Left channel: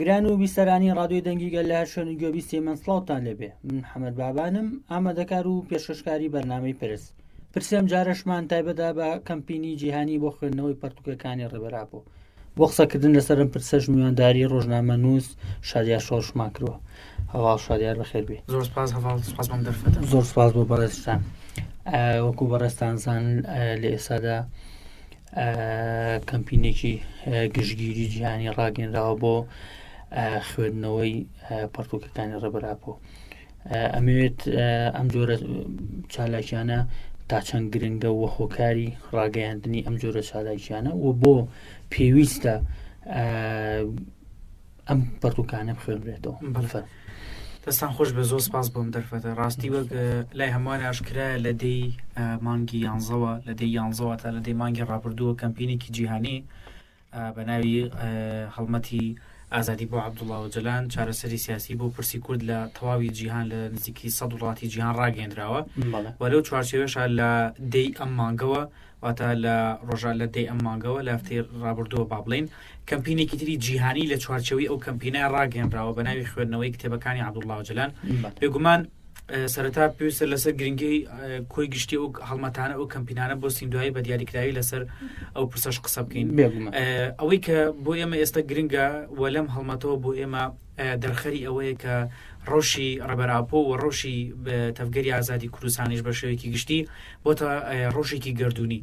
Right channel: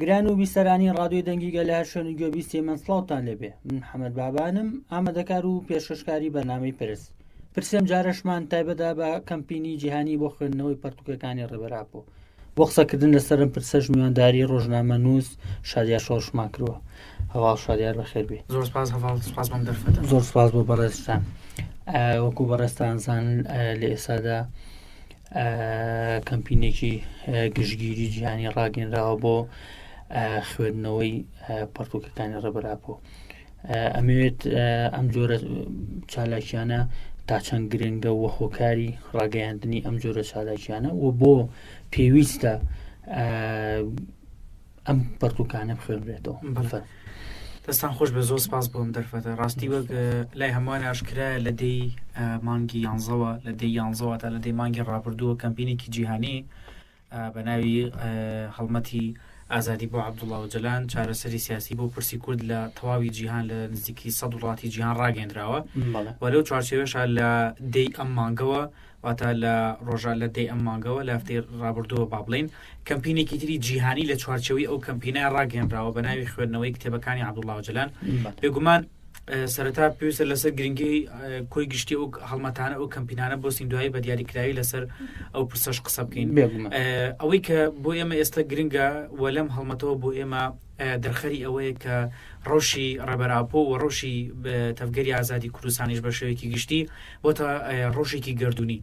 گران و بیسەرانی ڕادیۆی دەنگی گەلار شوێنی گوێبیستی من سڵاوتان لێبێ. من حەمەد بابانم، ئامادەکار و پێشکەشکاری بەرنامەی پرسێم جارەشمان تایبەتدا بە کەمپینی جیهانی بۆ خوێندنەوەی پەرتوکەکانی ڕێبەرابوو. بۆ قسەکردن لەسەرم پرسەش میوانداری ڕۆژنامە نووس شادیار شۆڕشمان کردووە. هەواڵ شادیار بەخێر بێ. زۆر سپاس هەواڵ، سپاسمان دەرفەتە. زۆر سپاس بۆ بەڕێستان. وەکو بەڕێستانزان لە ئێستادا کەمپینێکی گشتگیری جیهانی ڕاگەنراوە بۆ خوێندنەوەی پەرتوکەکانی ڕێبەرابوو. ئەمەوێت ئەم جۆرە چالاکیانە تا چەند گرنگە و هۆکاری ڕاگەیاندنی ئەم جۆرە چالاکیانە و بۆ پێویستە ئەم پەرتوکانە بخوێنرێتەوە. دەستان خۆش بە، زۆر سپاس بۆم دەرفەتە. ڕاستی بە لای هەمووان ئاشکرا لە دەی مانگی 11 لە دەی 11 تا لە دەی مانگی ڕابردووە کەمپینێکی جیهانی بە ناوی هەڵمەتی ئازادی بۆ عەبدوڵڵا ئۆجەلان چارەسەری سیاسی بۆ پرسی کورد لە تەواوی جیهان لە نزیکی 100 وڵاتی جیهان ڕاگەیەندراوە و لەو چوارچێوەشە لە دەی ئەم مانگەوە واتە لە ڕۆژە لە دەی ئەم مانگەوە لە هەفتەی ڕابردووە با بڵێن کەمپینێکی تری جیهانی لە چوارچەوەی ئەو کەمپینە ڕاگەیەندراوە بە ناوی خوێندنەوەی کتێبەکانی عەبدوڵڵا ئۆجەلان. بێگومان سەرەتا پێویستە لەسەر گرنگی کۆی گشتی ئەو هەڵمەتانە ئەو کەمپینانە بۆ سیندوایی بە دیاریکراوی لەسەر ئەو پرسەش قسە بکەین. ئەوەی کە بۆ ئێمە ئێستا گرنگە و لەم هەڵمەتەوە بۆ ئێمە دەرخەری ئەوەیە کە ڕۆژی ڕێبەراپۆ و ڕۆژی تەفگەری ئازادی کوردستانیش بە شێوەیەکی گشتی بۆتە ڕۆژێکی گردوونی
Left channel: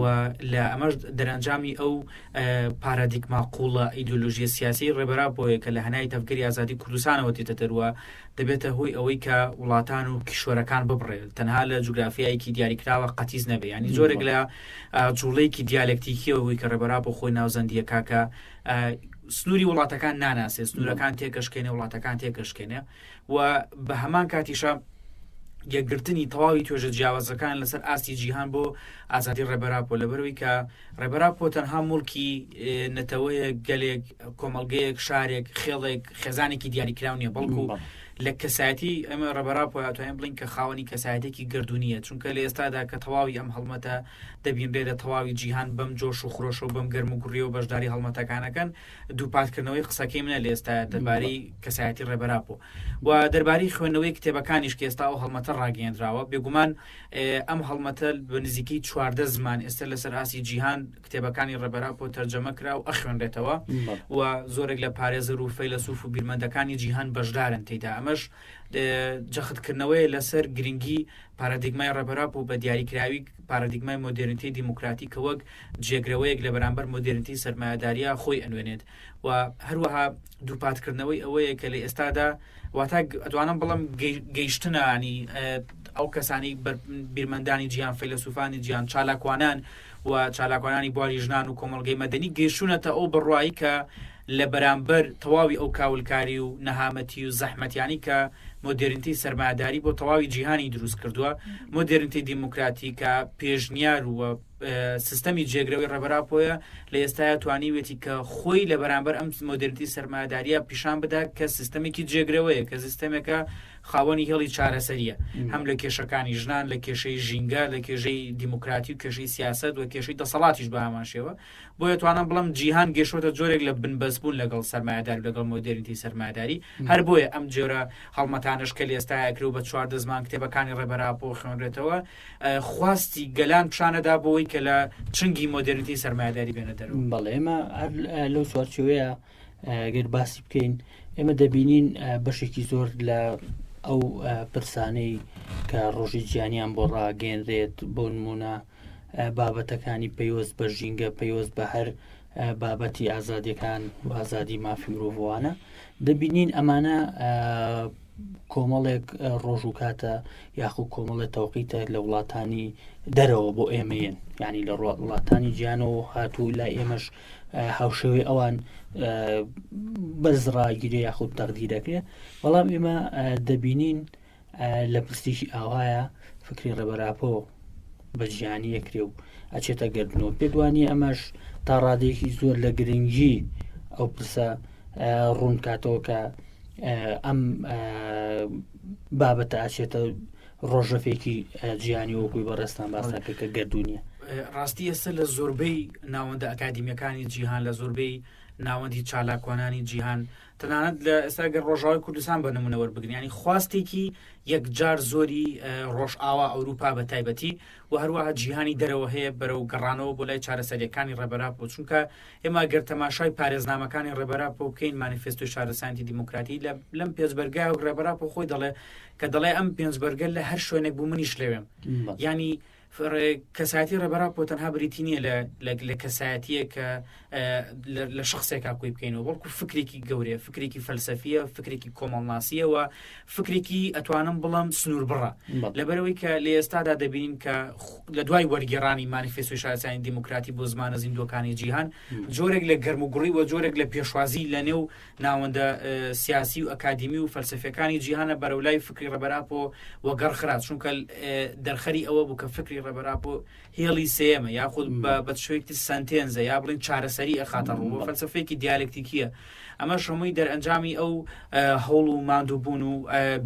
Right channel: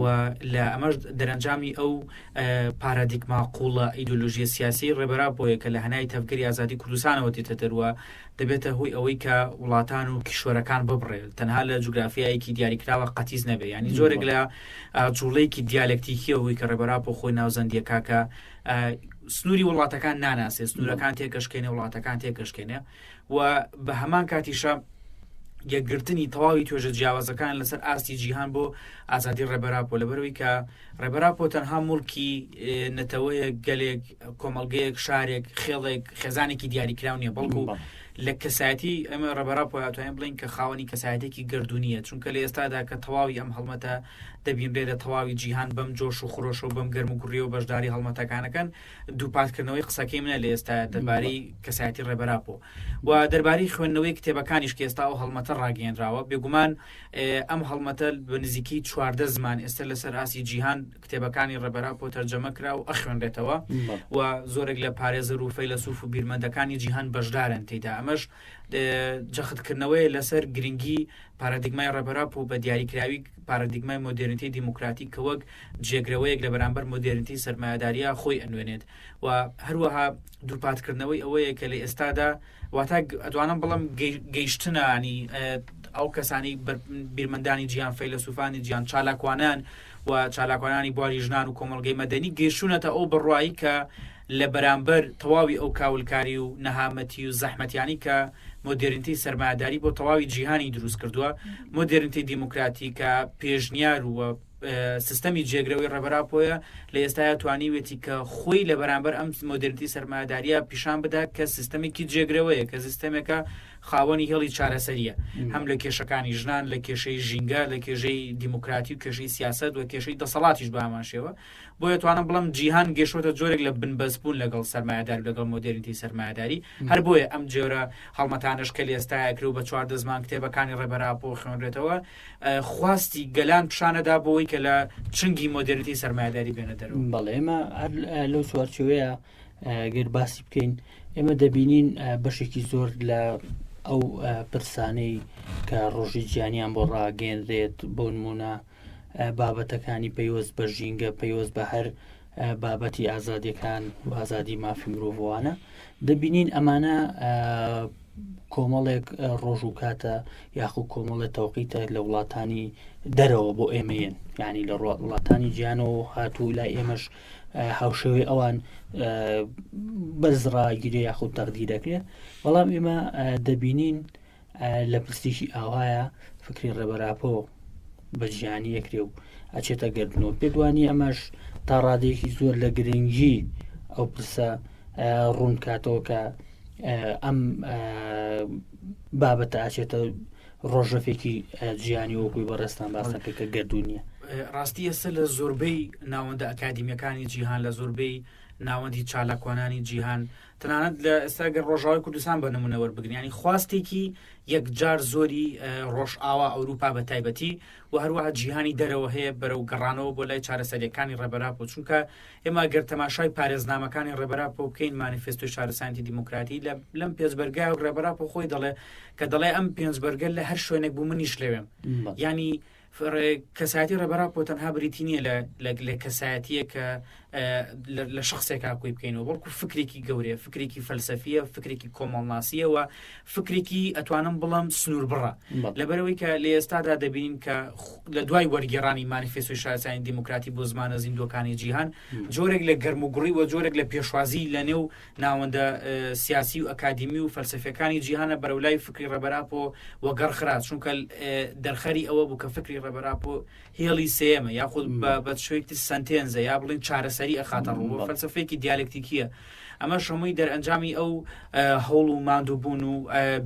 و لە ئەمەش دەرەنجامی ئەو پارادیگما قوڵە ئیدۆلۆژیە سیاسی ڕێبەراپۆیە کە لە هەنای تەفگەری ئازادی کوردستانەوە دێتە دەروە دەبێتە هۆی ئەوەی کە وڵاتان و کیشوەرەکان ببڕێت تەنها لە جوگرافیایەکی دیاریکراوە قەتیز نەبێ. ینی زۆرێک لە جوڵەیەکی دیالکتیکیەوەی کە ڕێبەراپۆ خۆی ناوزەندیەکە کە سنووری وڵاتەکان ناناسێ، سنوورەکان تێکەشکێنێ، وڵاتەکان تێکەشکێنێ و بە هەمان کاتیشە یەکگرتنی تەواوی توێژە جیاوازەکان لەسەر ئاستی جیهان بۆ ئازادی ڕێبەراپۆ لەبەرەوەی کە ڕێبەراپۆ تەنها موڵکی نەتەوەیە گەلێک کۆمەڵگەیەک شارێک خێڵێک خێزانێکی دیاریکراو نیە، بەڵکو لە کەسایەتی ئەمە ڕێبەراپۆ هاتووە بڵین کە خاوەنی کەسایەتێکی گردوونیە، چونکە لە ئێستادا کە تەواوی ئەم هەڵمەتە دەبینرێتە تەواوی جیهان بەم جۆش و خۆشە و بەم گەرم و گوڕی و بەشداری هەڵمەتەکانەکەن دووپاتکردنەوەی قسەکەی منە لە ئێستا دەربارەی کەسایەتی ڕێبەراپۆ و دەربارەی خوێندنەوەی کتێبەکانیش کە ئێستا ئەو هەڵمەتە ڕاگەیەندراوە. بێگومان ئەم هەڵمەتە بە نزیکی 14 زمان ئێستا لەسەر ئاسی جیهان کتێبەکانی ڕێبەراپۆ تەرجەمە کرا و ئەخوێنرێتەوە و زۆرێک لە پارێزەر و فەیلسوف و بیرمەندەکانی جیهان بەشدارن تێدا. ئەمەش جەختکردنەوەی لەسەر گرنگی پارادیگمای ڕێبەراپۆ بە دیاریکراوی پارادیگمای مۆدرنیتی دیموکراتی کە وەک جێگرەوەیەک لە بەرامبەر مۆدرنیتی سەرمایه‌داریە خۆی ئەنوێنێت و هەروەها دووپاتکردنەوەی ئەوەیە کە لە ئێستادا واتە ئەتوانم بڵم گەیشتنانی ئەو کەسانی بیرمەندانی جیهان فەیلسوفانی جیهان چالاکوانان و چالاکوانانی بواری ژنان و کۆمەڵگەی مەدەنی گەیشتونەتە ئەو بڕوایی کە لە بەرامبەر تەواوی ئەو کاولکاری و نەهامەتی و زەحمەتیانی کە مۆدرنیتی سەرمایه‌داری بۆ تەواوی جیهانی دروست کردووە، مۆدرنیتی دیموکراتی کە پێشنیار و سیستەمی جێگرەوەی ڕێبەراپۆیە لە ئێستا توانیوێتی کە خۆی لە بەرامبەر ئەم مۆدرنیتی سەرمایه‌داریە پیشان بدات کە سیستەمێکی جێگرەوەیە کە سیستەمێکە خاوەنی هێڵی چارەسەریە هەم لە کێشەکانی ژنان، لە کێشەی ژینگە، لە کێژەی دیموکراتی و کێشەی سیاست و کێشەی دەسەڵاتیش بە هەماشێوە. بۆیە توانم بڵم جیهان گەیشتووەتە جۆرێک لە بنبەستبوون لەگەڵ سەرمایه‌دار لەگەڵ مۆدرنیتی سەرمایه‌داری. هەر بۆیە ئەم جۆرە هەڵمەتانش کە لە ئێستایا کرد و بە 14 زمان کتێبەکانی ڕێبەراپۆ خوێنرێتەوە خواستی گەلان پیشانەدا بۆەوەی کە لە چنگی مۆدرنیتی سەرمایه‌داری بێنە دەرەوە. بەڵێ ئێمە لەو چوارچێوەیە گەر باسی بکەین ئێمە دەبینین بەشێکی زۆر لە ئەو پرسانەی کە ڕۆژی جیهانیان بۆ ڕاگەیەندرێت بۆ نمونە بابەتەکانی پەیوەست بە ژینگە، پەیوەست بە هەر بابەتی ئازادیەکان و ئازادی مافی مرۆڤوانە دەبینین ئەمانە کۆمەڵێک ڕۆژ و کاتە یاخو کۆمەڵێک تەوقیتە لە وڵاتانی دەرەوە بۆ ئێمەیەن، ینی لە وڵاتانی جیهانەوە هاتوو لای ئێمەش هاوشێوەی ئەوان بەرزڕاگیرێ یاخود تەقدیرەکرێت. بەڵام ئێمە دەبینین لە پرسیشی ئاوایە فکری ڕێبەراپۆ بە جیهانی یەکرێ و ئەچێتە گەردنەوە. پێدوانی ئەمەش تا ڕادێکی زۆر لە گرنگی ئەو پرسە ڕوون کاتەوە کە ئەم بابەتە ئاچێتە ڕۆژەفێکی جیهانی وەکوی بەڕێستان باسەکە گەردوونیە. ڕاستی ئێستا لە زۆربەی ناوەندە ئەکادیمیەکانی جیهان، لە زۆربەی ناوەندی چالاکوانانی جیهان تەنانەت لە ئێستاگەر ڕۆژاوای کوردستان بە نمونە وەربگرین ینی خواستێکی یەکجار زۆری ڕۆژئاوا ئەوروپا بە تایبەتی و هەروەها جیهانی دەرەوە هەیە بەرەو گەڕانەوە بۆ لای چارەسەریەکانی ڕێبەراپۆ چونکە ئێمە گەر تەماشای پارێزنامەکانی ڕێبەراپۆ بکەین مانیفێستۆی شارەسانیی دیموکراتی لەم پێنجبەرگای و ڕێبەراپۆ خۆی دەڵێ کە دەڵێ ئەم پێنجبەرگە لە هەر شوێنێک بوو منیش لەوێم ینی کەسایەتی ڕێبەراپۆ تەنها بریتی نییە لە کەسایەتیە کە لە شخصێکا کوی بکەینەوە بەڵکو فکرێکی گەورەیە فکرێکی فەلسەفیە فکرێکی کۆمەڵناسیەوە فکرێکی ئەتوانم بڵم سنوور بڕە لەبەرەوەی کە لە ئێستادا دەبین کە لە دوای وەرگێڕانی مانیفێستۆی شارەسانی دیموکراتی بۆ زمانە زیندوەکانی جیهان جۆرێک لە گەرموگوڕی و جۆرێک لە پێشوازی لە نێو ناوەندە سیاسی و ئەکادمی و فەلسەفەکانی جیهانە بەرەولای فکری ڕێبەراپۆ وەگەڕخرات چونکە دەرخەری ئەوە بوو کە فکری ڕێبەراپۆ هێڵی سێمە یاخود بە شوێکی سنتێنزە یا بڵین چارەسەری ئەخاتە ڕوو بە فەلسەفەیەکی دیالکتیکیە ئەمە شەمووی دەرئەنجامی ئەو هەوڵ و ماندووبوون و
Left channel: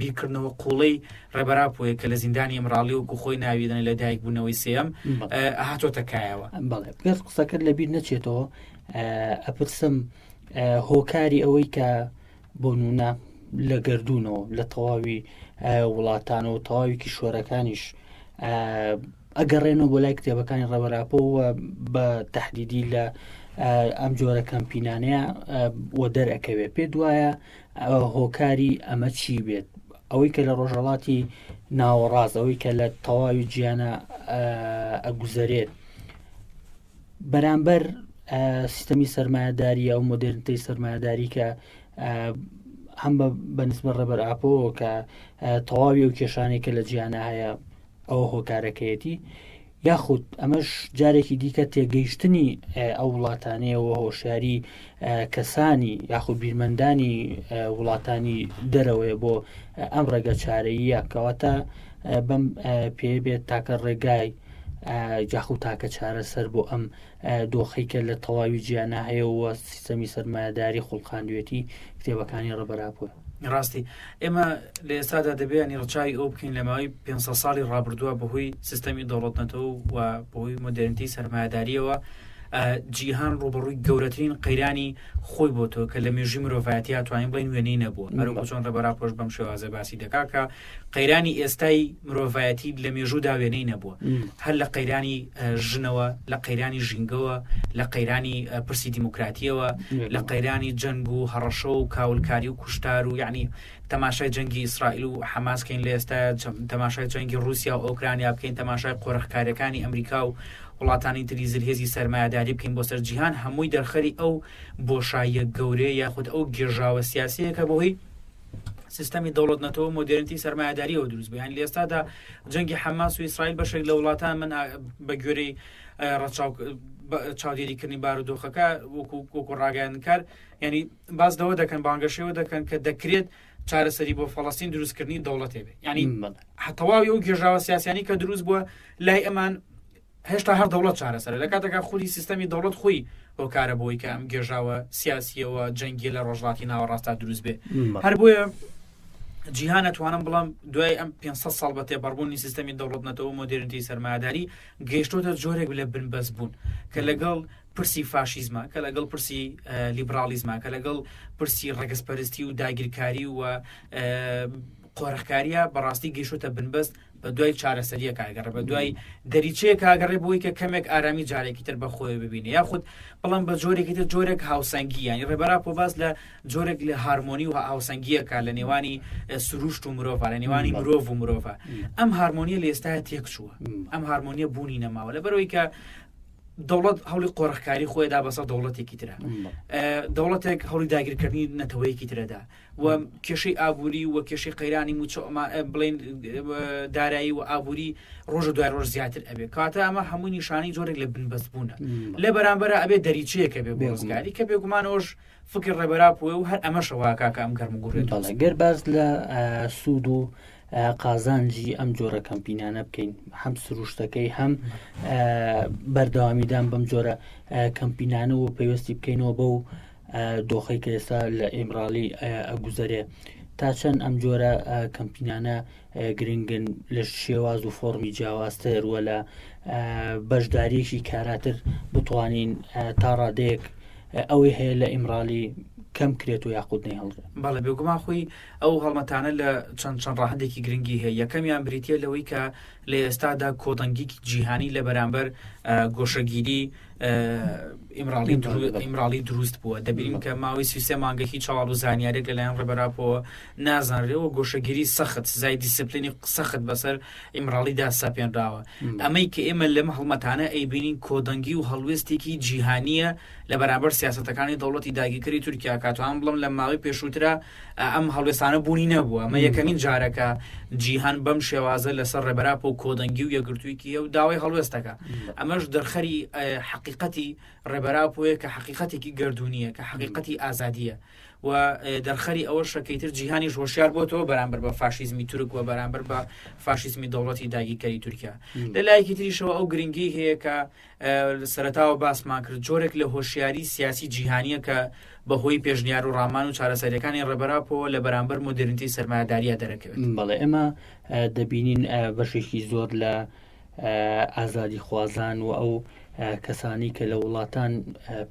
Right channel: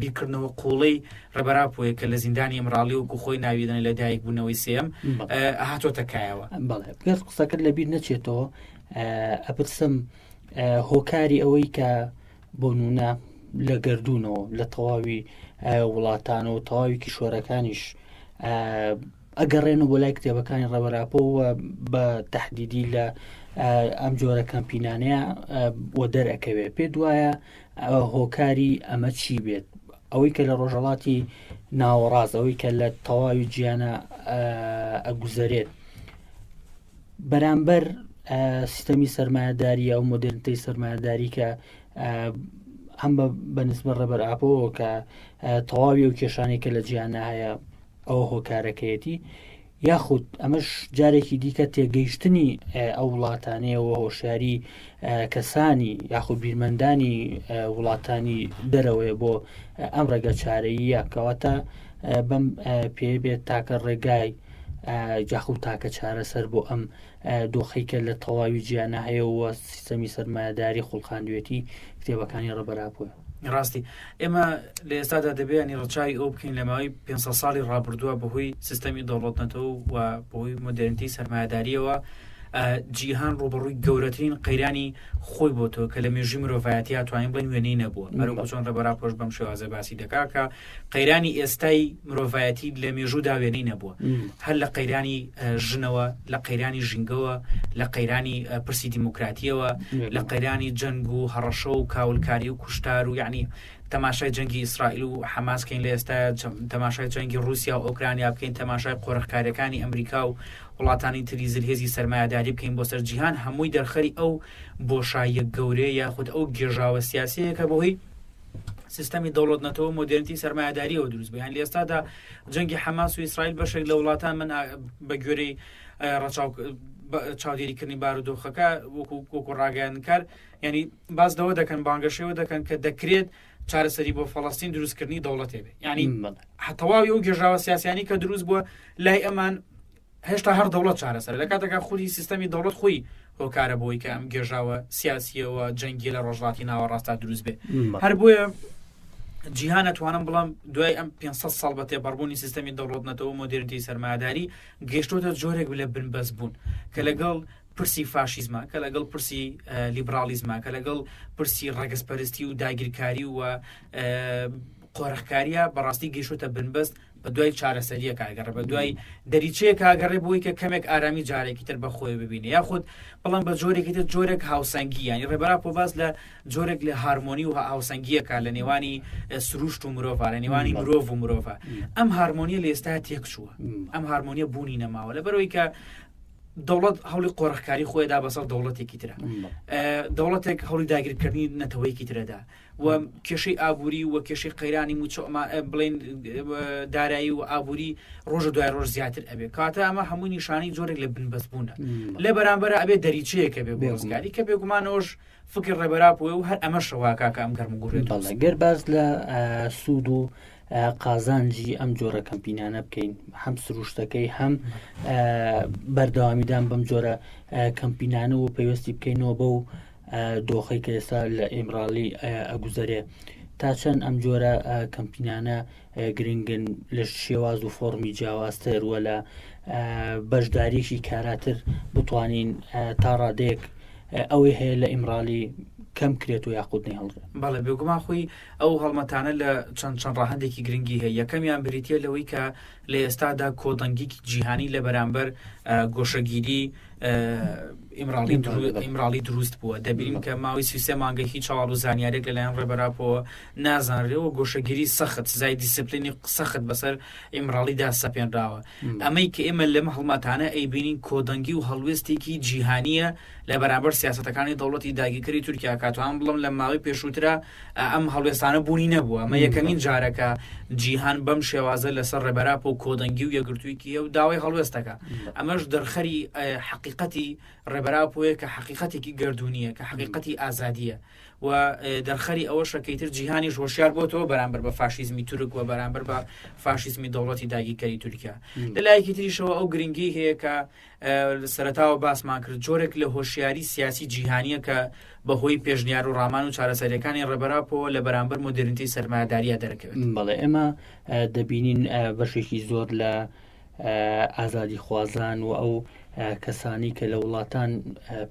بیرکردنەوە قوڵەی ڕێبەراپۆیە کە لە زیندانی ئەمراڵی وکو خۆی ناویدن لە دایک بوونەوەی سێم هاتۆتە کایەوە گەر قسەکەت لەبیر نەچێتەوە ئەپرسم هۆکاری ئەوەی کە بۆ نمونە لە گەردوونەوە لە تەواوی وڵاتانەوە تەواوی کیشۆرەکانیش ئەگەڕێنەوە بۆ لای کتێبەکانی ڕێبەراپۆ بە تەحدیدی لە ئەم جۆرە کەمپینانەیە بۆ دەرەکەوێت پێ دوایە هۆکاری ئەمە چی بێت ئەوەی کە لە ڕۆژهەڵاتی ناوەڕاست ئەوەی کە لە تەواوی گیانە ئەگوزارێت بەرامبەر سیستەمی سەرمایه‌داریە و مۆدرنیتەی سەرمایه‌داری کە هەم بەنسبەت ڕێبەراپۆ کە تەواوی و کێشانێک کە لە جیانە هەیە ئەوە هۆکارەکەیەتی یاخود ئەمەش جارێکی دیکە تێگەیشتنی ئەو وڵاتانەیەوە هۆشیاری کەسانی یاخود بیرمەندانی وڵاتانی دەرەوەی بۆ ئەم ڕێگە چارەییە کەواتە بەم پێ بێت تاکە ڕێگای جاخود تاکە چارەسەر بۆ ئەم دۆخەی کە لە تەواوی گیانە هەیەەوە سیستەمی سەرمایه‌داری خوڵخاندوێتی کتێبەکانی ڕێبەراپۆ ڕاستی ئێمە لە ئێستادا دەبێنی ڕچای ئەو بکەین لە ماوەی 500 ساڵی ڕابردووە بەهۆی سیستەمی دەوڵەتنەتەوە و بەهۆی مۆدرنیتی سەرمایه‌داریەوە جیهان ڕوبەڕووی گەورەترین قەیرانی خۆی بۆ تۆ کە لە مێژووی مرۆڤایەتی توانین بڵین وێنەی نەبووە مەرۆ چۆن ڕێبەراپۆش بەم شێوازە باسی دەکات کە قەیرانی ئێستای مرۆڤایەتی لە مێژوودا وێنەی نەبووە هەر لە قەیرانی ژنەوە لە قەیرانی ژینگەوە لە قەیرانی پرسی دیموکراتیەوە لە قەیرانی جەنگ و هەڕەشە و کاولکاری و کوشتار و یعنی تەماشای جەنگی ئیسرائیل و حەماسکەین لە ئێستا تەماشای جەنگی رووسیا و ئۆکرانیا بکەین تەماشای قۆرەخکاریەکانی ئەمریکا و وڵاتانی تری زرهێزی سەرمایه‌داری بکەین بۆ سەر جیهان هەمووی دەرخەری ئەو بۆشاییە گەورەیە یاخود ئەو گێژاوە سیاسیە کە بەهۆی سیستەمی دەوڵەتنەتەوە مۆدرنیتی سەرمایه‌داریەوە دروست بوو یان لە ئێستادا جەنگی حەماس و ئیسرائیل بەشێک لە وڵاتان من بە گوێرەی چاودێریکردنی بارودۆخەکە وەکو ڕاگەیاندکار ینی باز دەوە دەکەن بانگەشەوە دەکەن کە دەکرێت چارەسەری بۆ فەڵەستین دروستکردنی دەوڵەتێ بێت ینی هەتەواوی ئەو گێژاوە سیاسیانی کە دروست بووە لای ئەمان هێشتا هەر دەوڵەت چارەسەر لە کاتێکا خودی سیستەمی دەوڵەت خۆی هۆکارە بۆی کە ئەم گێژاوە سیاسیەوە جەنگی لە ڕۆژهەڵاتی ناوەڕاستا دروست بێت هەر بۆیە جیهان ئەتوانم بڵام دوای ئەم 500 ساڵ بە تێپەڕبوونی سیستەمی دەوڵەتنەتەوە مۆدرنیتی سەرمایه‌داری گەیشتۆتە جۆرێک لە بنبەست بوون کە لەگەڵ پرسی فاشیزمە کە لەگەڵ پرسی لیبرالیزمە کە لەگەڵ پرسی ڕەگەزپەرستی و داگیرکاری و قۆرەخکاریە بەڕاستی گەیشتۆتە بنبەست بە دوای چارەسەریە کاگەڕێ بە دوای دەریچەیە کاگەڕێ بۆی کە کەمێک ئارامی جارێکی تر بەخۆی ببینێ یاخود بەڵام بە جۆرێکی تر جۆرێک هاوسەنگی ینی ڕێبەراپۆ باز لە جۆرێک لە هارمۆنی و هاوسەنگیەکە لە نێوانی سروشت و مرۆڤ لە نێوانی مرۆڤ و مرۆڤە ئەم هارمۆنیە لە ئێستا تێکچووە ئەم هارمۆنیە بوونی نەماوە لەبەرەوەی کە دەوڵەت هەوڵی قۆرەخکاری خۆیدا بەسەر دەوڵەتێکی ترە دەوڵەتێک هەوڵی داگیرکردنی نەتەوەیەکی ترەدا و کێشەی ئابووری و کێشەی قەیرانی بڵین دارایی و ئابووری ڕۆژە دوای ڕۆژ زیاتر ئەبێ کاتە ئەمە هەمووی نیشانی جۆرێک لە بنبەست بوونە لە بەرامبەرە ئەبێ دەریچەیەکە بێ بۆ ڕزگاری کە بێگومانەوەش فکر ڕێبەراپۆیە و هەر ئەمەشەوە کاکەم گەرمگوڕێت گەر باز لە سوود و قازانجی ئەم جۆرە کەمپینانە بکەین هەم سروشتەکەی هەم بەردەوامیدان بەم جۆرە کەمپینانە و پێویستی بکەینەوە بەو دۆخەی کە ئێستا لە ئیمراڵی ئەگوزارێ تا چەند ئەم جۆرە کەمپینانە گرنگن لە شێواز و فۆرمی جیاوازتر وە لە بەشداریشی کاراتر بتوانین تا ڕادەیەک ئەوەی هەیە لە ئیمرالی کەم کرێت و یاخود نێهڵڕێت. بەڵێ بێگومان خۆی ئەو هەڵمەتانە لە چەند ڕاهەندێکی گرنگی هەیە. یەکەمیان بریتە لەوەی کە لە ئێستادا کۆدەنگێکی جیهانی لە بەرامبەر گۆشەگیری ئیمرالی دروست بووە. دەبینیم کە ماوەی 33 مانگەی چاوەڕ و زانیارێک لەلایەن ڕێبەراپەوە نازانرێەوە گۆشەگیری سەخت زای دیسپلینی سەخت بەسەر ئیمرالیدا سەپێنراوە. ئەمەی کە ئێمە لەم هەڵمەتانە ئەیبینین کۆدەنگی و هەڵوێستێکی جیهانیە لە بەرامبەر سیاسەتەکانی دەوڵەتی داگیرکەری تورکیا. کاتوان بڵم لە ماوەی پێشووترە ئەم هەڵوێستانە بوونی نەبووە. ئەمە یەکەمین جارەکە جیهان بەم شێوازە لەسەر ڕێبەراپە و کۆدەنگی و یەکگرتوویکی و داوای هەڵوێستەکە. ئەمەش دەرخەری حقیقەتی ڕێبەراپۆیە کە حقیقەتێکی گردونیە کە حقیقەتی ئازادیە و دەرخەری ئەوە شەکەیتر جیهانیش هۆشیار بۆتەوە بەرامبەر بە فاشیزمی تورک و بەرامبەر بە فاشیزمی دەوڵەتی داگیرکەری تورکیا. لە لایەکی تریشەوە ئەو گرنگی هەیە کە سەرەتاوە باسمان کرد جۆرێک لە هۆشیاری سیاسی جیهانیە کە بەهۆی پێشنیار و ڕامان و چارەسەریەکانی ڕێبەراپەوە لە بەرامبەر مۆدرنیتی سەرمایەداریە دەرەکەوێت. بەڵێ ئێمە دەبینین بەشێکی زۆر لە ئازادی خوازان و ئەو کەسانی کە لە وڵاتان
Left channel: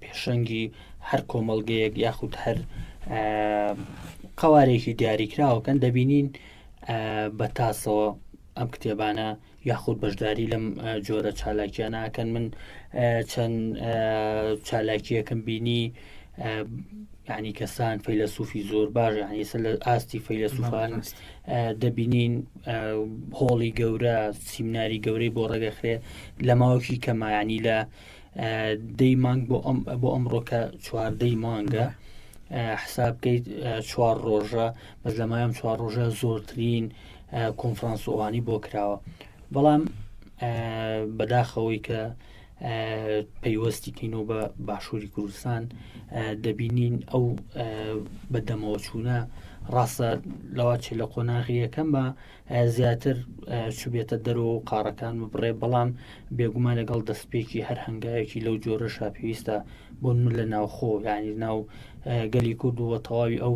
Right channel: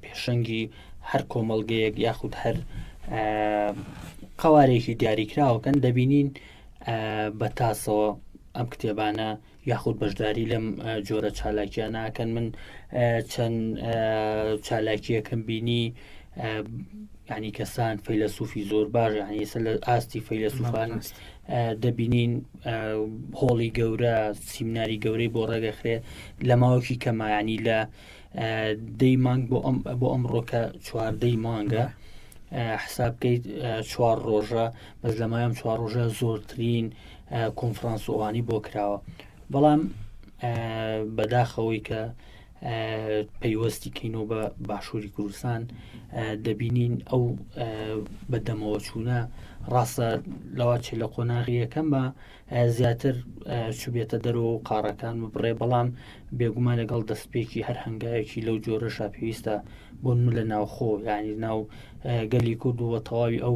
پێشەنگی هەر کۆمەڵگەیەک یاخود هەر قوارێکی دیاریکراوەکەن دەبینین بە تاسەوە ئەم کتێبانە یاخود بەشداری لەم جۆرە چالاکیانەکەن. من چەند چالاکیەکەم بینی ینی کەسان فەیلسوفی زۆر باش ینی لە ئاستی فەیلسوفان دەبینین هۆڵی گەورە سیمیناری گەورەی بۆ ڕێگەخرێ لە ماوەکی کەمایانی لە 10 مانگ بۆ ئەمڕۆکە 14 مانگە حساب بکەیت 4 ڕۆژە بەس لەمایەم 4 ڕۆژە زۆرترین کۆنفرانسۆوانی بۆ کراوە. بەڵام بەداخەوەی کە پەیوەستی کەینەوە بە باشووری کوردستان دەبینین ئەو بەدەمەوە چوونە ڕاستە لەوە چی لە قۆناغی یەکەم بە زیاتر چوبێتە دەرەوە و قاڕەکان بڕێ. بەڵام بێگومان لەگەڵ دەستپێکی هەر هەنگایەکی لەو جۆرەشا پێویستە بۆ من لە ناوخۆ ینی ناو گەلی کورد و بە تەواوی ئەو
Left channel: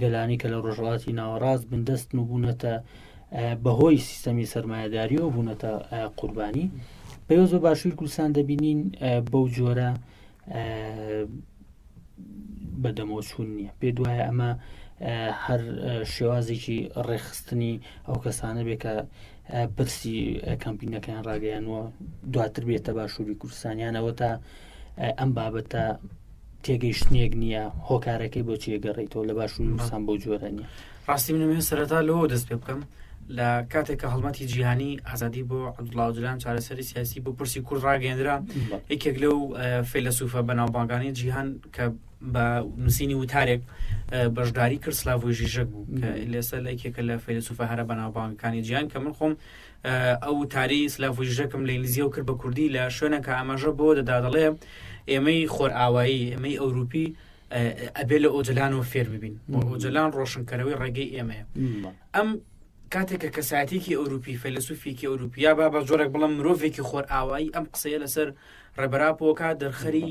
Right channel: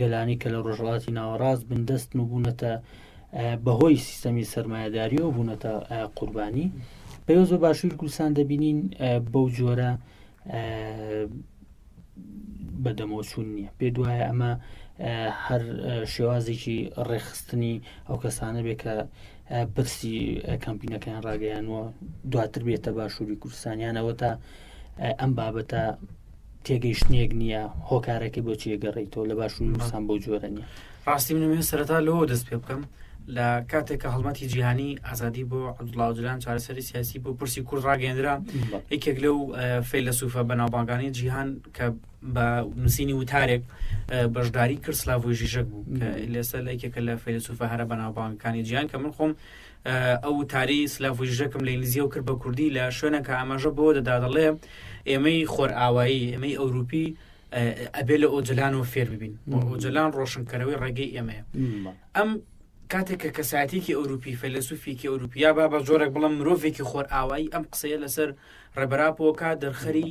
گەلانی کە لە ڕۆژهەڵاتی ناوەڕاست بندەست و بوونەتە بەهۆی سیستەمی سەرمایەداری و بوونەتە قوربانی. پێوەست بە باشووری کوردستان دەبینین بەو جۆرە بەدەمەوەچوون نییە. پێ دوایە ئەمە هەر شێوازێکی ڕێخستنی ئەو کەسانە بێ کە پرسی کەمپینەکەیان ڕاگەیانەوە دواتر بێتە باشووری کوردستانیانەوە تا ئەم بابەتە تێگەیشتنێک نییە هۆکارەکەی بۆ چێگەڕێیتەوە لە باشووری کوردستان بۆ جۆرە نییە. ڕاستی منێن سەرەتا لەوە دەست پێ بکەم لە کاتێک کە هەڵمەتی جیهانی ئازادی بۆ عەبدوڵڵا ئۆجلان چارەسەری سیاسی بۆ پرسی کورد ڕاگەیاندرا یەکێک لەو فەیلسوفە بەناوبانگانی جیهان کە بە نووسینی وتارێک بەشداری کرد سلاڤۆی ژیژەک بوو کە لەسەر یەکێکە لە فەیلسوفە هەرە بەناوبانگەکانی جیهان کە من خۆم ئەو وتاری سلاڤۆی ژیژەکم لە ئینگلیزیە و کرد بە کوردی لە شوێنەکە ئاماژە بۆ دەدا دەڵێ ئێمەی خۆرئاوایی ئێمەی ئەوروپی ئەبێ لە ئۆجلانەوە فێر ببین ئۆجلان ڕۆشنکەرەوەی ڕێگەی ئێمەیە. ئەم کاتێککە کەسایەتێکی ئەوروپی فەیلسوفێکی ئەوروپیا بە جۆرێک بڵم مرۆڤێکی خۆرئاوایی ئەم قسەیە لەسەر ڕێبەراپۆکە دەرخەری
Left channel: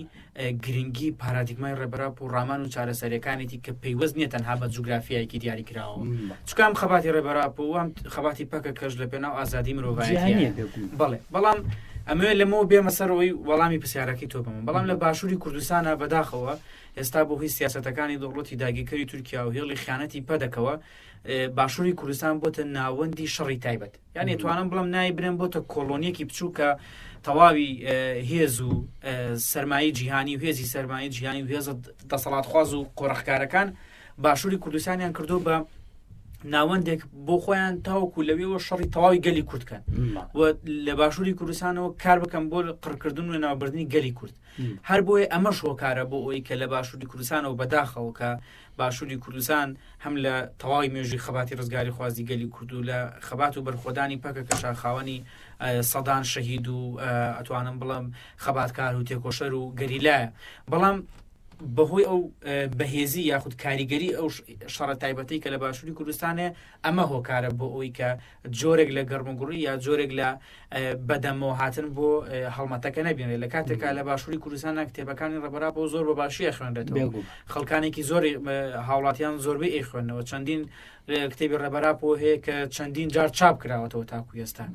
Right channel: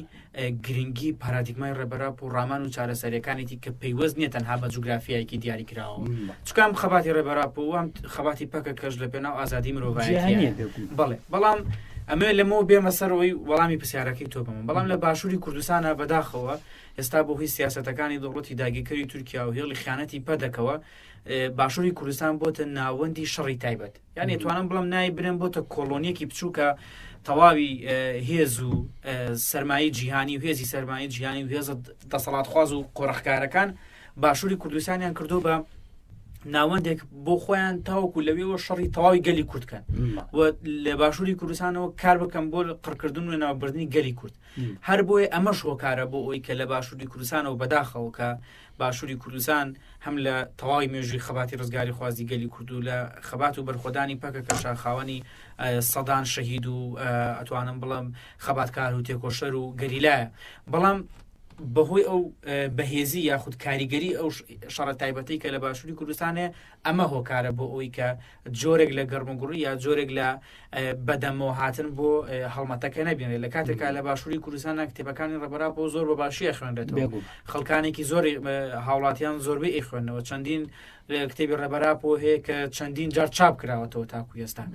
گرنگی پارادیگمای ڕێبەراپ و ڕامان و چارەسەریەکانێتی کە پەیوەست نیە تەنها بە جوگرافیایەکی دیاریکراوە. چکام خەباتی ڕێبەراپ و ئەم خەباتی پەکە کەش لە پێناو ئازادی مرۆڤایەتی. بەڵێ بەڵام ئەمە لەمەوە بێمە سەرەوەی وەڵامی پرسیارەکەی تۆ بم. بەڵام لە باشووری کوردستانە بەداخەوە ئێستا بۆ هۆی سیاسەتەکانی دەوڵەتی داگیرکەری تورکیا و هێڵی خیانەتی پەدەکەوە باشووری کوردستان بۆتە ناوەندی شەڕی تایبەت. یان توانم بڵم نای برێن بۆتە کۆلۆنیەکی بچووکە تەواوی هێز و سەرمایی جیهانی و هێزی سەرمایی جیهانی و هێز دەسەڵاتخواز و قۆڕەخکارەکان باشووری کوردستانیان کردو بە ناوەندێک بۆ خۆیان تاوەکو لەوێەوە شەڕی تەواوی گەلی کوردکەن و لە باشووری کوردستانەوە کار بکەم بۆ قڕکردن و ناوبردنی گەلی کورد. هەر بۆیە ئەمە شۆکارە بۆ ئەوی کە لە باشووری کوردستانەوە بەداخەوە کە باشووری کوردستان هەم لە تەواوی مێژووی خەباتی ڕزگاری خوازی گەلی کورد و لە خەبات و بەرخۆدانی پەکە کە شاخاوەنی سەدان شەهید و ئەتوانم بڵم خەباتکار و تێکۆشەر و گەریلایە. بەڵام بەهۆی ئەو بەهێزی یاخود کاریگەری ئەو شەڕە تایبەتی کە لە باشووری کوردستانێ ئەمە هۆکارە بۆ ئەوی کە جۆرێک لە گەرمەگوڕی یا جۆرێک لە بەدەمەوە هاتن بۆ هەڵمەتەکە نەبینێت. لە کاتێکا لە باشووری کوردستانە کتێبەکانی ڕێبەراپەوە زۆر بە باشی خوێنرێتەوە. خەڵکانێکی زۆر هاوڵاتیان زۆربەی خوێندنەوە چەندین کتێبی ڕێبەراپۆ هەیە کە چەندین جار چاپ کراوەتەوە تاکو ئێستا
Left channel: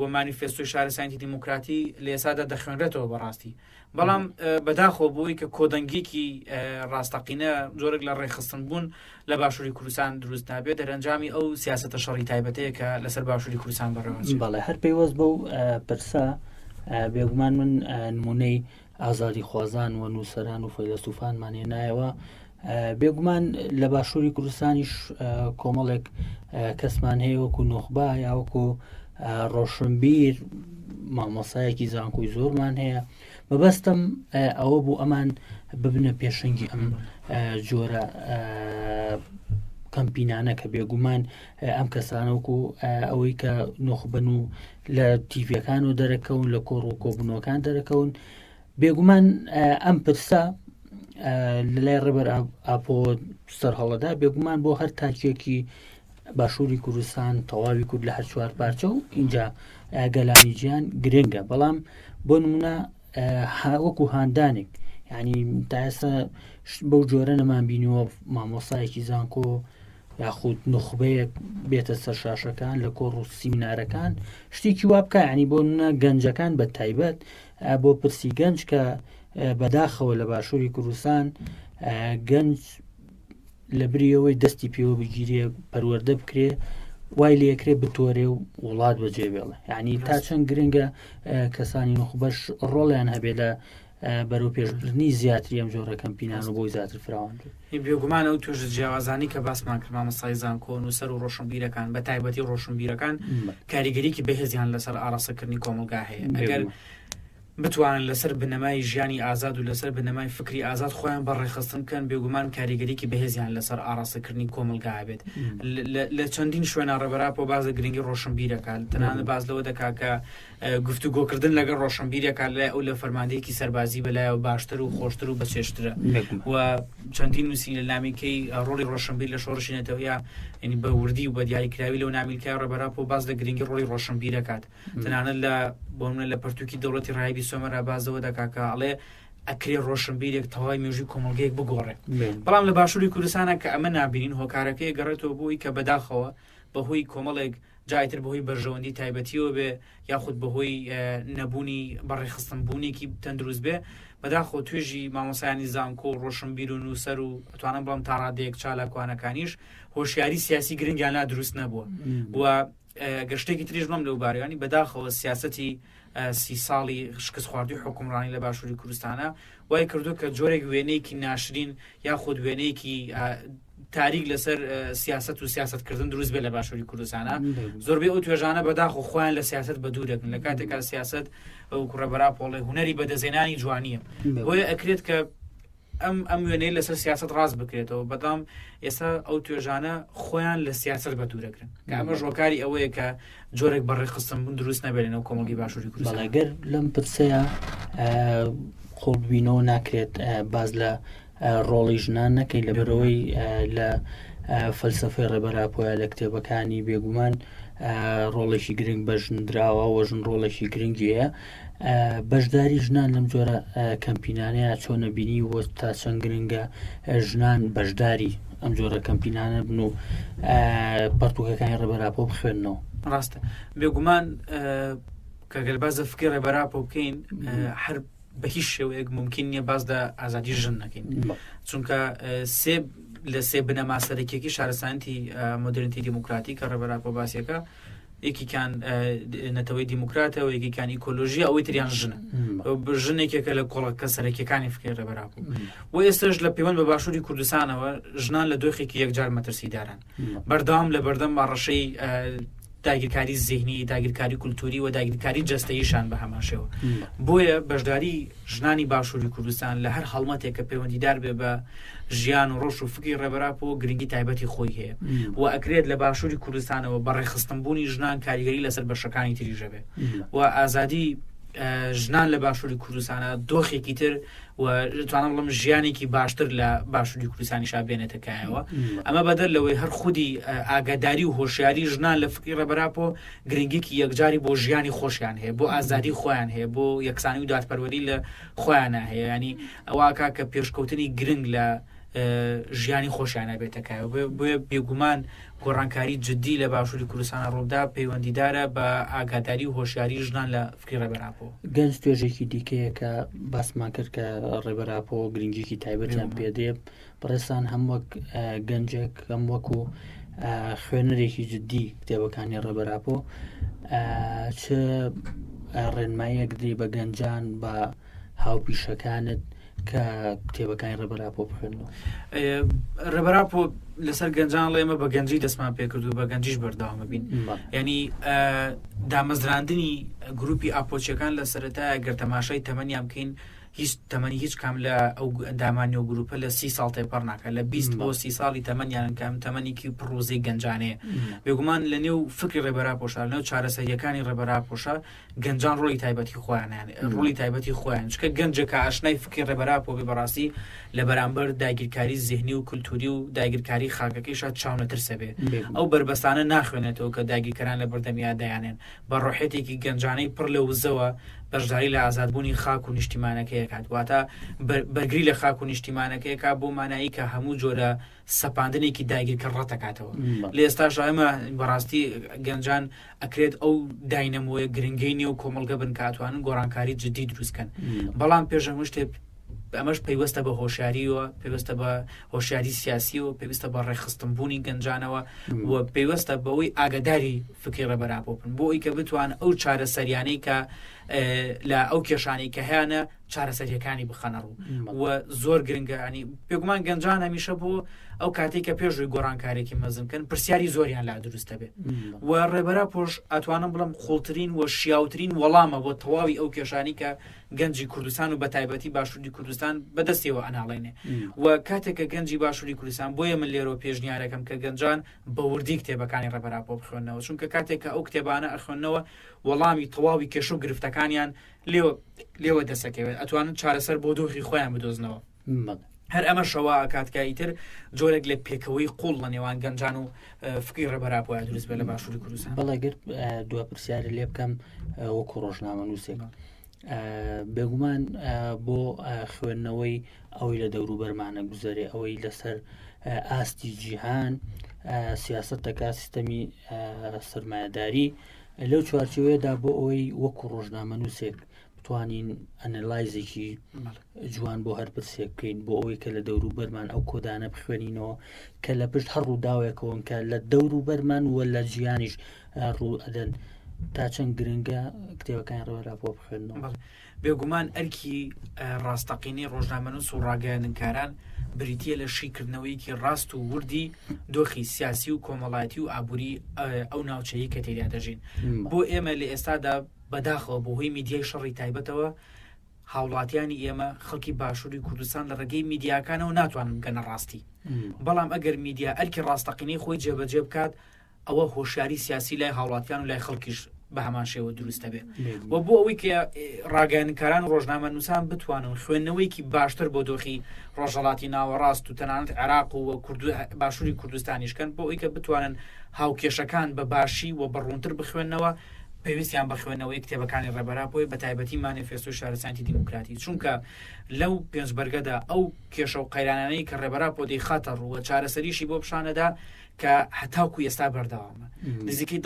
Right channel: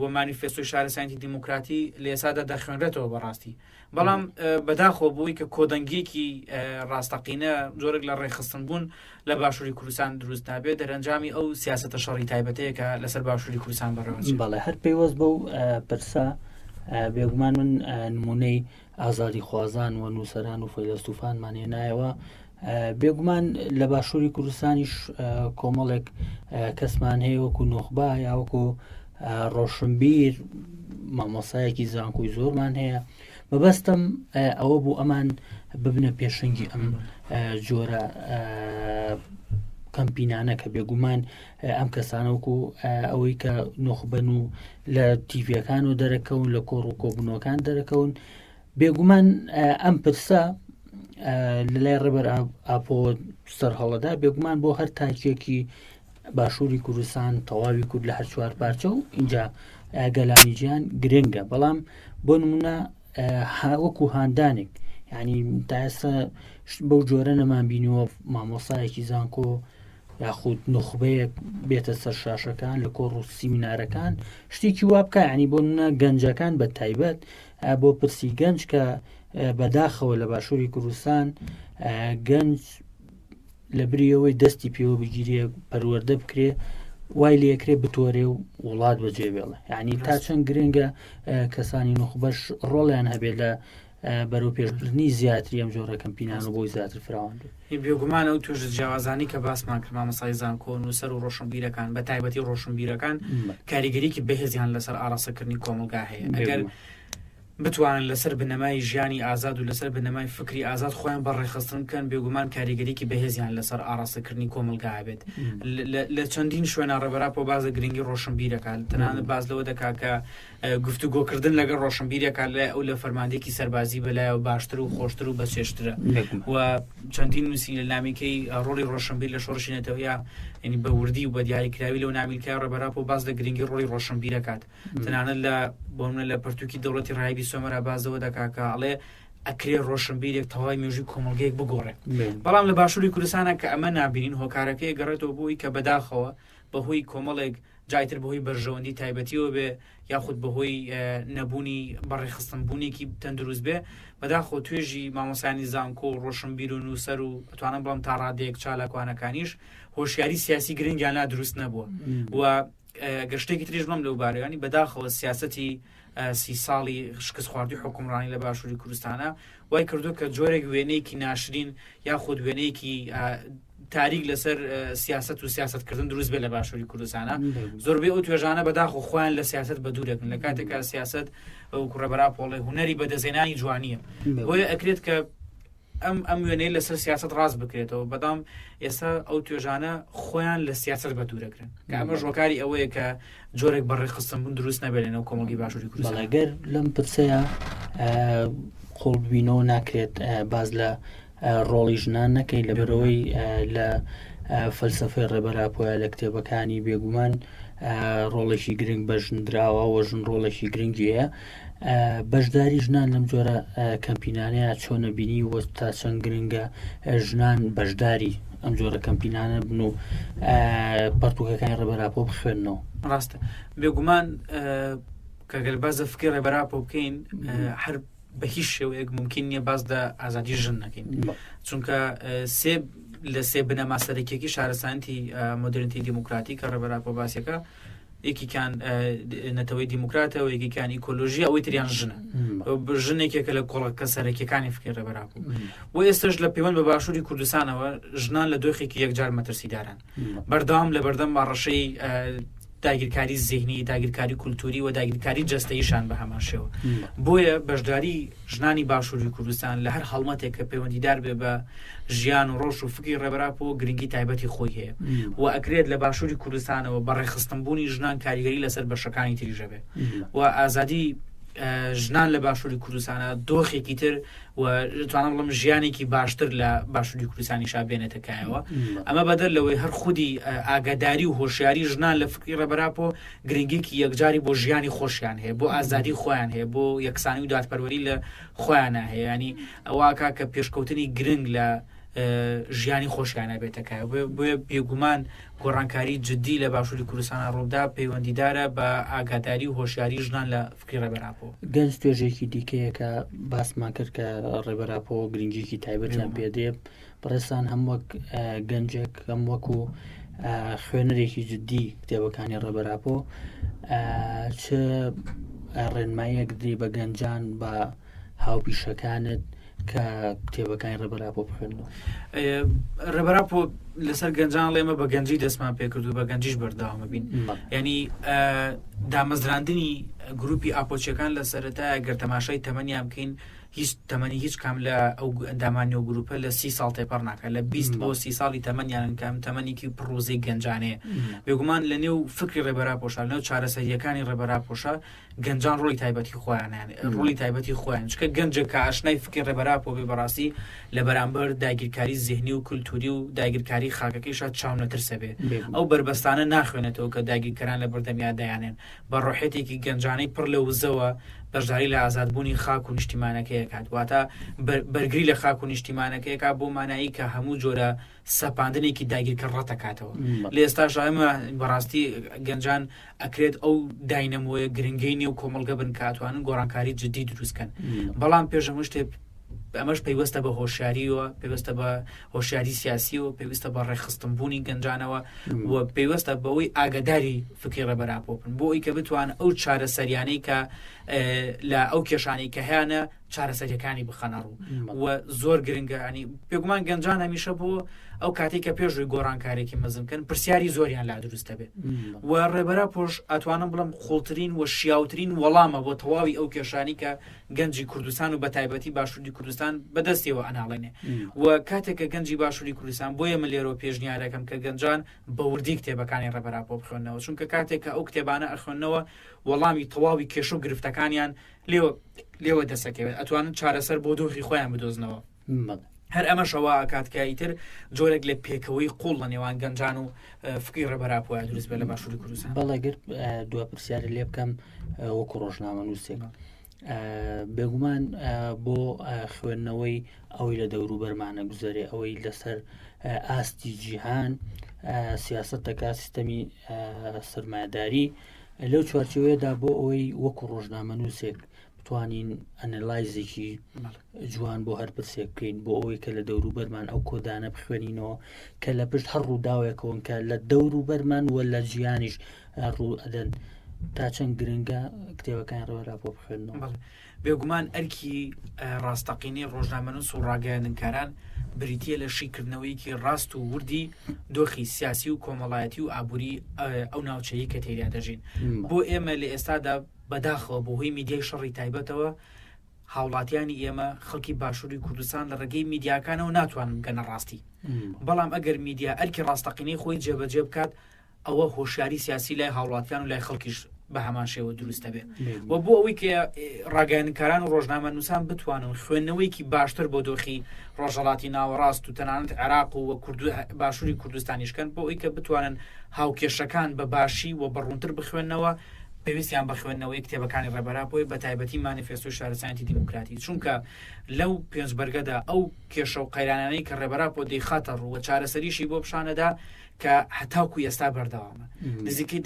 و مانیفێستۆی شارستانی دیموکراتی لە ئێسادا دەخوێنرێتەوە بەڕاستی بەڵام بەداخۆ بۆی کە کۆدەنگێکی ڕاستەقینە زۆرێک لە ڕێخستن بوون لە باشووری کوردستان دروست نابێت دەرەنجامی ئەو سیاسەتە شەڕی تایبەتەیە کە لەسەر باشووری کوردستان بەڕێوە بەڵێ هەر پێوەست بەو پرسا بێگومان من نمونەی ئازادی خوازان و نووسەران و فەیلسوفانمان هێنایەوە بێگومان لە باشووری کوردستانیش کۆمەڵێک کەسمان هەیە وەکو نۆخبا یا وەکو ڕۆشنبیر مامۆسایەکی زانکۆی زۆرمان هەیە مەبەستم ئەوە بوو ئەمان ببنە پێشنگی ئەم جۆرە کەمپینانە کە بێگومان ئەم کەسانەوەکو ئەوەی کە نۆخبەن و لە تیڤەکان و دەرەکەون لە کۆڕ و کۆبنەوەکان دەرەکەون بێگومان ئەم پرسە لە لای ڕێبەر ئاپۆ سەرهەڵەدا بێگومان بۆ هەر تاکێکی باشووری کوردستان تەواوی کورد لە هەر چوار پارچە و اینجا گەلانی گیان گرنگە بەڵام بۆ نمونە هاوەکو هاندانێک یعنی تا ئێستا بەو جۆرە نەمان بینیوە مامۆسایەکی زانکۆ یاخود نخبەیەک بێتە سەر شاشەکان لە کۆڕ و سیمینارەکان شتێکی وا بکە ینی بۆ نمونە گەنجەکان بە تایبەت بۆ پرسی گەنج کە بەداخەوە لە باشووری کوردستان گەنج لە بریەوەی دەستی پێوە بگیرێ پەروەردە بکرێ وای لەکرێ بتۆرێ و وڵات بەجێبێڵە یعنی تا چەند گرنگە کەسانی نخبەش ڕۆڵیان هەبێ لە بەرەو پێشبردننی زیاتری ئەم جۆرە کەمپینان و بۆی زیاتر فراوان بێگومانە و توێژ جیاوازانی کە باسمان کرد مامۆستای زانکۆ نووسەر و ڕۆشنبیرەکان بە تایبەتی ڕۆشنبیرەکان کاریگەریکی بەهێزیان لەسەر ئاڕاستەکردنی کۆمەلگا هەیە ئەگەر بتوانن لەسەر بنەمای ژیانی ئازاد و لەسەر بنەمای فکری ئازاد خۆیان بەڕێخستن کەن بێگومان کاریگەریکی بەهێزیان لەسەر ئاڕاستەکردنی کۆمەلگا بێت لە چەندین شوێنە ڕێبەراپۆ بازە گرنگی ڕۆشنبیرەکان تەنانەت باز لەوە دەکا کە گفتوگۆکردن لەگەڵ ڕۆشنبیرێکان لای ئەو لە فەرماندەیەکی سەربازی بەلایەوە باشتر و خۆشتر و بەچێشترە و چەندین نووسی لە نامێکەی ڕۆڵی ڕۆشنبیر لە شۆڕشی نێتەوەیە ینی بە وردی و بە دیاریکراوی لەو نامیلکای ڕێبەراپۆ باز لە گرنگی ڕۆڵی ڕۆشنبیرەکات تەنانەت لە بۆ منە لە پەرتووکی دەوڵەتی ڕایبی سۆمەرا بازەوە دەکا کە ئەڵێ ئەکرێ ڕۆشنبیرێک تەواوی مێژووی کۆمەلگەیەک بگۆڕێ بەڵام لە باشووری کوردستانە کە ئەمە نابینین هۆکارەکەی گەڕێتەوە بۆی کە بەداخەوە بەهۆی کۆمەڵێک جایتر بەهۆی بەرژەوەندی تایبەتیەوە بێ یاخود بەهۆی نەبوونی بەڕێخستن بوونێکی تەندروست بێ بەداخۆ توێژی مامۆسایانی زانکۆ و ڕۆشنبیر و نووسەر و ئەتوانم بڵام تا ڕادەیەک چالاکوانەکانیش هۆشیاری سیاسی گرنگیان لا دروست نەبووە و گەشتێکی تریش بڵم لەو بارەیانی بەداخەوە سیاسەتی 30 ساڵی شکست خواردوی حکومڕانی لە باشووری کوردستانە وای کردو کە جۆرێک وێنەیەکی ناشرین یاخود وێنەیەکی تاریک لەسەر سیاست و سیاستکردن دروست بێ لە باشووری کوردستانە زۆربەی ئەو توێژانە بەداخۆ خۆیان لە سیاست بەدوورێکن لە کاتێکا سیاست ئەو ڕێبەراپۆڵێ هونەری بەدەزێنانی جوانیە بۆیە ئەکرێت کە ئەم وێنەی لەسەر سیاست ڕاست بکرێتەوە بەدام ئێستا ئەو توێژانە خۆیان لە سیاست بەدوورەکرن کە ئەمە ژۆکاری ئەوەیە کە جۆرێک بەڕێخستن بوون دروست نەبێنەوە کۆمەڵگەی باشووری کوردستان ئەگەر لەم پرسەیە خۆڵبینەوە ناکرێت باز لە ڕۆڵی ژنان نەکەی لەبەرەوەی لە فەلسەفەی ڕێبەراپۆیە لە کتێبەکانی بێگومان ڕۆڵێکی گرنگ بەژندراوە و ژن ڕۆڵێکی گرنگیە بەشداری ژنان لەم جۆرە کەمپینانەیە چۆنە بینی وە تا چەند گرنگە ژنان بەشداری ئەم جۆرە کەمپینانە بن و پەرتووکەکانی ڕێبەراپۆ بخوێنەوە ڕاستە بێگومان کە گەر بازە فکری ڕێبەراپۆ بکەین هەر بە هیچ شێوەیەک ممکن نییە باز لە ئازادی ژن نەکەین چونکە لە سێ بنەما سەرەکیەکی شارستانیەتی مۆدرنیتی دیموکراتی کە ڕێبەراپۆ باسیەکە یەکیان نەتەوەی دیموکراتەوە یەکیان ئیکۆلۆژی ئەوەی تریان ژنە ژنێکێکە لە کۆڵەکە سەرەکیەکانی فکری ڕێبەراپۆ و ئێستاش لە پەیوەند بە باشووری کوردستانەوە ژنان لە دۆخێکی یەکجار مەترسیدارن بەردەوام لە بەردەم باڕەشەی داگیرکاری زیهنی داگیرکاری کولتوری و داگیرکاری جەستەییشان بە هەمان شێوە بۆیە بەشداری ژنانی باشووری کوردستان لە هەر هەڵمەتێک کە پەیوەندیدار بێ بە ژیان و ڕۆژ و فکری ڕێبەراپۆ گرنگی تایبەتی خۆی هەیە و ئەکرێت لە باشووری کوردستانەوە بەڕێخستنبوونی ژنان کاریگەری لەسەر بەشەکانی تریژە بێ و ئازادی ژنان لە باشووری کوردستانە دۆخێکی تر و توانم بڵم ژیانێکی باشتر لە باشووری کوردستانیشا بێنێتەکایەوە ئەمە بەدەر لەوەی هەر خودی ئاگاداری و هۆشیاری ژنان لە فکری ڕێبەراپۆ گرنگێکی یەکجاری بۆ ژیانی خۆشیان هەیە بۆ ئازادی خۆیان هەیە بۆ یەکسانی و دادپەروەری لە خۆیانە هەیە ینی ئەوواکە کە پێشکەوتنی گرنگ لە ژیانی خۆشیانە بێتەکایە بۆیە بێگومان گۆڕانکاری جددی لە باشووری کوردستانە ڕوودا پەیوەندیدارە بە ئاگاداری و هۆشیاری ژنان لە فکری ڕێبەراپۆ. گەنج توێژێکی دیکەیە کە باسمان کرد کە ڕێبەراپۆ گرنگێکی تایبەتیان پێدێ بەڕێستان هەم وەک گەنجێک هەم وەکو خوێنەرێکی جددی کتێبەکانی ڕێبەراپۆ چ ڕێنماییەک دێ بە گەنجان بە هاوپیشەکانت کە کتێبەکانی ڕێبەراپۆ بخوێنەوە؟ ڕێبەراپۆ لەسەر گەنجان ئێمە بە گەنجی دەستمان پێکرد و بە گەنجیش بەردەوامە بین. ینی دامەزراندنی گروپی ئاپۆچیەکان لە سەرەتایە گەر تەماشای تەمەنیان بکەین هیچ تەمەنی هیچ کام لە ئەو ئەندامانی و گروپە لە 30 ساڵ تێپەڕ ناکە لە 20 بۆ 30 ساڵی تەمەنیان کام تەمەنیکی پڕۆزەی گەنجانەیە. بێگومان لە نێو فکری ڕێبەراپۆشە لە نێو چارەسەریەکانی ڕێبەراپۆشە گەنجان ڕۆلی تایبەتی خۆیانیان ڕۆلی تایبەتی خۆیان چکە گەنجێکە ئاشنای فکری ڕێبەراپۆ بێ بەڕاستی لە بەرامبەر داگیرکاری زیهنی و کولتوری و داگیرکاری خاکەکەیشە چاونەترسە بێ ئەو بربەستانە ناخوێنێتەوە کە داگیرکەران لە بەردەمیان دەیانێن بە ڕۆحێتێکی گەنجانەی پڕ لە وزەوە بەشداری لە ئازادبوونی خاک و نیشتیمانەکەیە کات واتە بەرگری لە خاک و نیشتیمانەکەیەکە بۆ مانایی کە هەموو جۆرە سەپاندنێکی داگیرکە ڕەتەکاتەوە. لە ئێستاش ئەمە بەڕاستی گەنجان ئەکرێت ئەو داینەمۆیە گرنگینی و کۆمەڵگە بن کاتوانن گۆڕانکاری جددی دروستکەن. بەڵام پێشەمە شتێ ئەمەش پەیوەستە بە هۆشیاریەوە پێویستە بە هۆشیاری سیاسی و پێویستە بە ڕێخستنبوونی گەنجانەوە و پێویستە بەوەی ئاگداری فکری ڕێبەراپۆ بن بۆ ئەوی کە بتوان ئەو چارەسەریانەی کە لە ئەو کێشانی کە هیانە چارەسەریەکانی بخەنەڕوو و زۆر گرنگە ینی پێگومان گەنجان هەمیشە بۆ ئەو کاتێک کە پێشووی گۆڕانکارێکی مەزنکەن پرسیاری زۆریان لا دروستە بێت و ڕێبەراپۆش ئەتوانم بڵم خۆڵترین و شیاوترین وەڵامە بۆ تەواوی ئەو کێشانی کە گەنجی کوردستان و بە تایبەتی باشووری کوردستان بەدەستیەوە ئەناڵێنێ و کاتێککە گەنجی باشووری کوردستان بۆیە من لێرە پێشنیارەکەم کە گەنجان بە وردی کتێبەکانی ڕێبەراپۆ بخوێنەوە چونکە کاتێککە ئەو کتێبانە ئەخوێنەوە وەڵامی تەواوی کێش و گرفتەکانیان لێوە دەسەکەوێت ئەتوانن چارەسەر بۆ دۆخی خۆیان بدۆزنەوە. هەر ئەمە شەوە کاتکاییتر جۆرێک لە پێکەوەی قوڵ لە نێوان گەنجان و فکری ڕێبەراپۆیان دروست بێت لە باشووری کوردستان. بەڵێگر دووە پرسیارە لێ بکەم وەکو ڕۆژنامە نووسێک بێگومان بۆ خوێندنەوەی ئەوەی لە دەوروبەرمانە گوزارێ ئەوەی لەسەر ئاستی جیهان سیاستەکە سیستەمی سەرمایه‌داری لەو چوارچێوەیەدا بۆ ئەوەی وەکو ڕۆژنامە نووسێک بتوانین ئەنەلایزێکی جوان بۆ هەر پرسێک بکەین بۆ ئەوەی کە لە دەوروبەرمان ئەو کۆدانە بخوێنینەوە کە لە پشت هەر ڕووداوێکەوەن کە لە دەوروبەرمان وە لە ژیانیش ڕوو ئەدەن تا چەند گرنگە کتێبەکانی ڕێبەراپۆ بخوێنەوە. بێگومان ئەرکی ڕاستەقینی ڕۆژنامەنووس و ڕاگەیاندنکاران بریتە لە شیکردنەوەیکی ڕاست و وردی دۆخی سیاسی و کۆمەڵایەتی و ئابووری ئەو ناوچەیە کە تێریا دەژین. بۆ ئێمە لە ئێستادا بەداخەوە بۆ هۆی میدیای شەڕی تایبەتەوە هاوڵاتیانی ئێمە خەڵکی باشووری کوردستان لە ڕێگەی میدیاکانەوە ناتوانن بگەنە ڕاستی. بەڵام ئەگەر میدیا ئەرکی ڕاستەقینەی خۆی جێبەجێ بکات ئەوە هۆشیاری سیاسی لای هاوڵاتیان و لای خەڵکیش بە هەمان شێوە دروستە بێت و بۆ ئەوەی کە ڕاگەیاندنکاران ڕۆژنامە نووسان بتوانن خوێندنەوەیکی باشتر بۆ دۆخی ڕۆژهەڵاتی ناوەڕاست و تەنانەت عێراق و باشووری کوردستانیشکەن بۆ ئەوەی کە بتوانن هاوکێشەکان بە باشی و بەڕوونتر بخوێنەوە پێویستیان بە خوێندنەوەی کتێبەکانی ڕێبەراپۆی بە تایبەتی مانیفێستۆی شارەسایەتی دیموکراتی چونکە لەو پێنجبەرگەدا ئەو کێشە و قەیرانانەی کە ڕێبەراپۆ دەیخاتە ڕوو و چارەسەریشی بۆ پیشانەدا کە هەتاوکو ئێستا بەردەوامە نزیکەی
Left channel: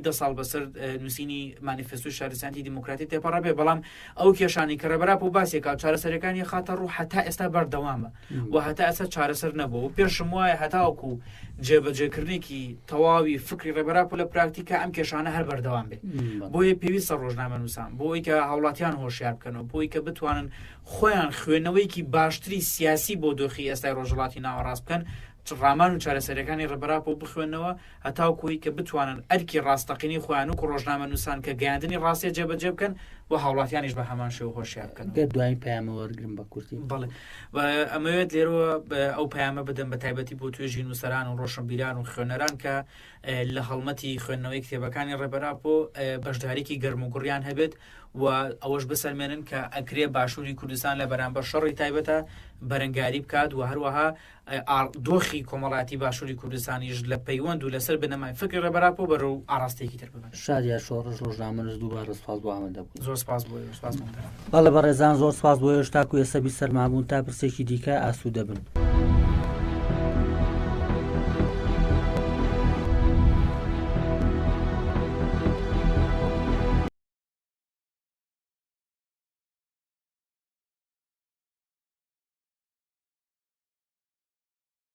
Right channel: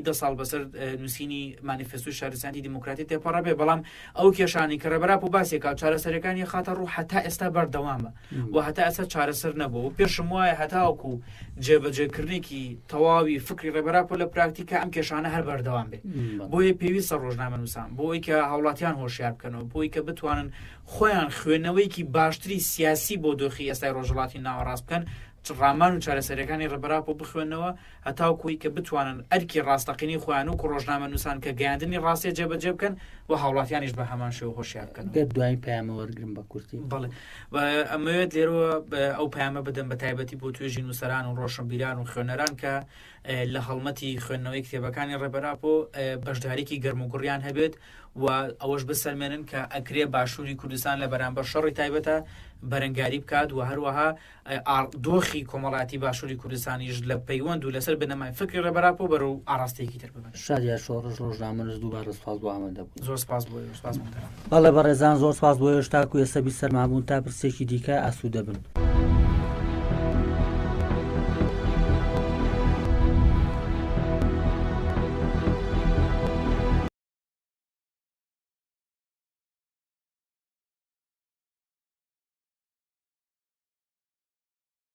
10 ساڵ بەسەر نووسینی مانیفێستۆی شارەسایەتی دیموکراتی تێپەڕە بێ بەڵام ئەو کێشانی کە ڕێبەراپۆ باسێکا چارەسەرەکانی خاتە ڕوو هەتا ئێستا بەردەوامە و هەتا ئێستا چارەسەر نەبووە و پێشم وایە هەتاوکو جێبەجێکردنێکی تەواوی فکری ڕێبەراپۆ لە پراکتیکە ئەم کێشانە هەر بەردەوام بێت بۆیە پێویستە ڕۆژنامە نووسان بۆی کە هاوڵاتیان هۆشیار بکەنەوە بۆی کە بتوانن خۆیان خوێندنەوەیکی باشتری سیاسی بۆ دۆخی ئێستای ڕۆژهەڵاتی ناوەڕاست بکەن ڕامان و چارەسەرەکانی ڕێبەراپۆ بخوێنەوە هەتاوکوی کە بتوانن ئەرکی ڕاستەقینی خۆیان و ڕۆژنامە نووسان کە گەیاندنی ڕاستی جێبەجێ بکەن و هاوڵاتیانیش بە هەمان شێوە هۆشیار بکەن. دوای پەیامەوەرگرم بە کورتی بەڵێ ئەمەوێت لێرەوە ئەو پەیامە بدەن بە تایبەتی بۆ توێژی نووسەران و ڕۆشنبیران و خوێنەران کە لە هەڵمەتی خوێندنەوەی کتێبەکانی ڕێبەراپۆ بەشداریکی گەرموگوڕیان هەبێت و ئەوەش بسەلمێنن کە ئەکرێ باشووری کوردستان لە بەرامبەر شەڕی تایبەتە بەرەنگاری بکات و هەروەها دۆخی کۆمەڵاتی باشووری کوردستانیش لە پەیوەند و لەسەر بنەمای فکری ڕێبەراپۆ بەرەو ئاراستەیەکی تر ببێت. شادیار شۆڕش ڕۆژنامە نووس دووبارە سوپاس بۆ ئامادەبوون. زۆر سپاس بۆ سپاس بۆ بەڵە بەڕێزان زۆر سپاس بۆ هێشتاکو ئێستا بی سەرمابوون تا پرسێکی دیکە ئاسوودە بن.